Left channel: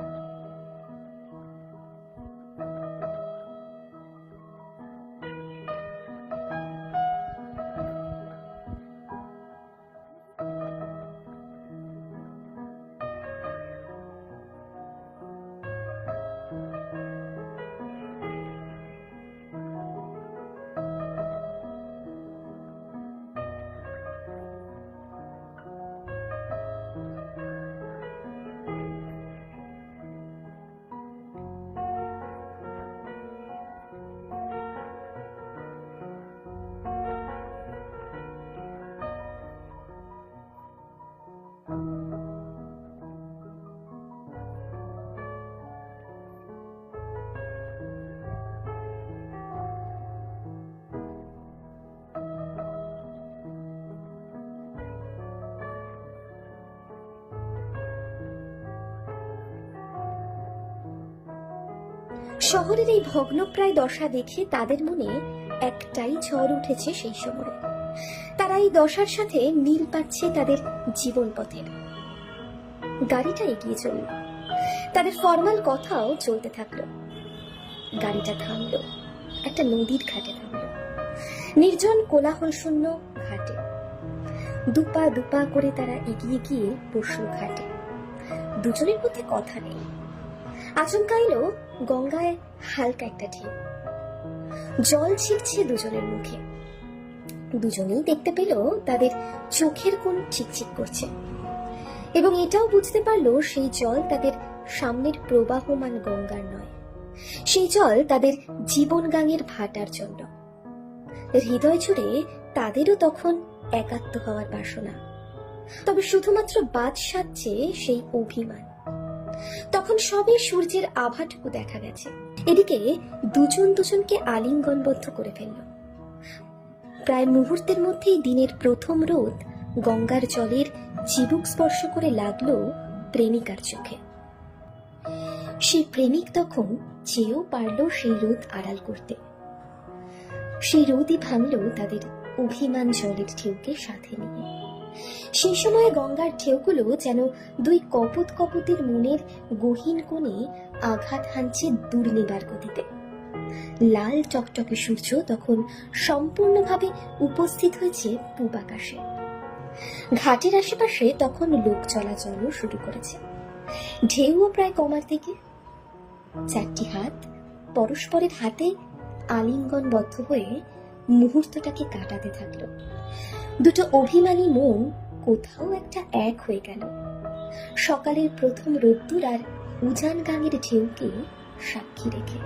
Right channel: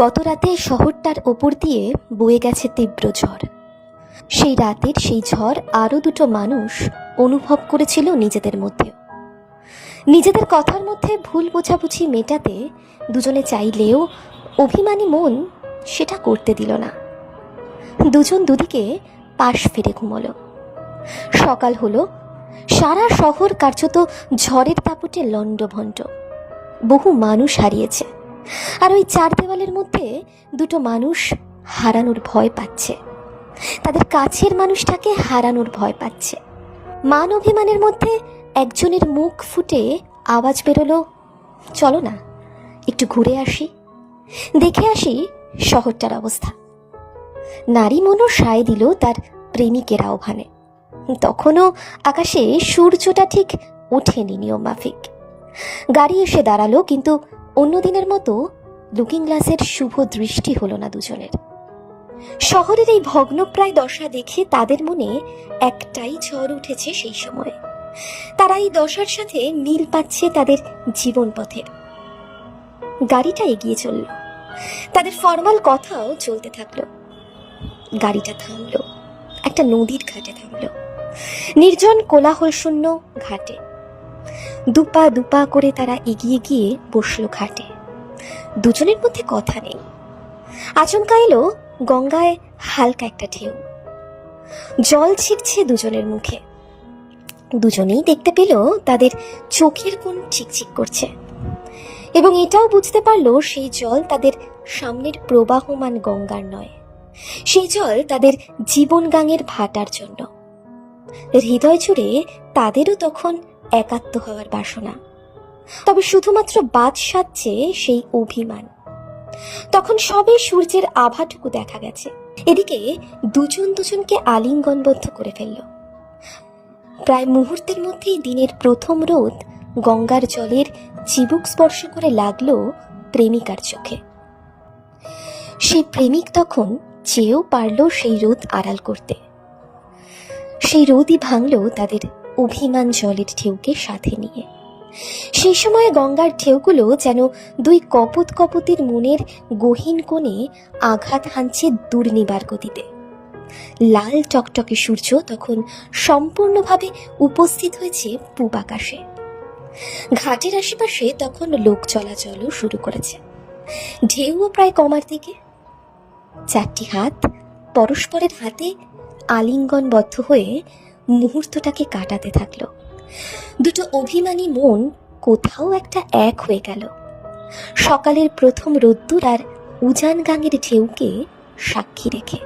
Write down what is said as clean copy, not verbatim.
গত রাতে শহরটার ওপর দিয়ে বয়ে গেছে তীব্র ঝড়। সেই রাতের সেই ঝড় আরও দুটো মানুষ অনুভব করেছিল নিজেদের মধ্যে। নিজেদের কথার মধ্যে ভুল বোঝাবুঝি মেটাতে দুজনে চাইলেও অভিমানী মন সেটা করতে দিল না। দুজন দুদিকে পাশ ফিরে ঘুমোলো। সকাল হলো, সারা শহর কার্যত ঝড়ের দাপটে লণ্ডভণ্ড। বহু মানুষ হারিয়েছে, আর ওই চার দেওয়ালের মধ্যে দুটো মানুষ হারানোর ভয় পাচ্ছে, তাদের কাছের মানুষটাকে হারানোর ভয় পাচ্ছে। মান অভিমানের মধ্যে একজনের মুখ ফুটে আওয়াজ বেরোলো, চলো না একটু ঘুরে আসি, দেখে আসি শহরটার অবস্থা। নারী মনও সায় দিল তার প্রেমিকের আহ্বানে। তখনও আকাশে সূর্যটা ঠিক ওঠেনি নিয়ম মাফিক। গাড়ি এসে দাঁড়ালো, কিন্তু অন্যদিনের মতো লুকিং গ্লাসের শুভ দৃষ্টি হলো না দুজনের। শহরের এই ভগ্নপ্রায় দশা দেখে তাদের মনে একটাই ঝড় উঠেছে সেই সময়। তারা এই দশার সাথে মিল পাচ্ছে তাদের জীবন পথের। গাড়িটা এগিয়ে চলল, তাদের ফরমাল কথাও চলতে থাকলো। গাড়িটা থামলো, একটা নদীর ঘাটে থামলো, নির্জন কোলাহল শূন্য ঘাটে। দুপা দুপা করে তারা এগিয়ে গিয়ে বসলো ঘাটে। দুজনের মধ্যে কথা নেই। আচমকা এলো গঙ্গায় হালকা একটা ঢেউ, জল ছিটছে দুজনের মুখে। দুজনেই দেখতে পেল তাদের চোখের কোণ চিকচিক করছে, এবং এটাও বুঝতে পারলো সেই জল তাদের সামনের প্রবাহমান গঙ্গার নয়, সেই জল তাদের জীবন গাঙের ভাটার জন্য। হৃদয় জুড়ে তাদেরও তখন একাত্ম হওয়ার বাসনা, তবে শুধুমাত্র বাদ সাধছে সেই অভিমান। তখন সবে সূর্যের আভাটুকু দেখা গেছে। এদিকে দুজন দুজনকে আলিঙ্গনবদ্ধ করে ফেলল। প্রায় মুহূর্তের মধ্যেই দিনের প্রথম রোদ গঙ্গার জলের চিবুক স্পর্শ করে লাগলো প্রেমিকার চোখে। সেই প্রেমিক তখন চেয়েও পারল সেই রোদ আড়াল করতে। সেই রোদই ভাঙল তাদের অভিমান জলের ঢেউকে সাথে নিয়ে। সেই সময় গঙ্গার ঢেউগুলো যেন দুই কপত কপতির মনের গহীন কোণে আঘাত হানছে দুর্নিবার গতিতে। লাল টকটকে সূর্য তখন সম্পূর্ণভাবে উপস্থিত হয়েছে পূব আকাশে। ঘাটের আশেপাশে তখন লোক চলাচলও শুরু করেছে। ঢেউও প্রায় কমার দিকে। চারটি হাত পরস্পরের হাতে আলিঙ্গনবদ্ধ হয়ে মুহূর্তটাকে কাটাতে থাকলো। দুটো অভিমানী মন কোথাও একটা এক হয়ে গেল, সকালের প্রথম রোদ্দুর আর উজান গাঙের ঢেউকে সাক্ষী রেখে।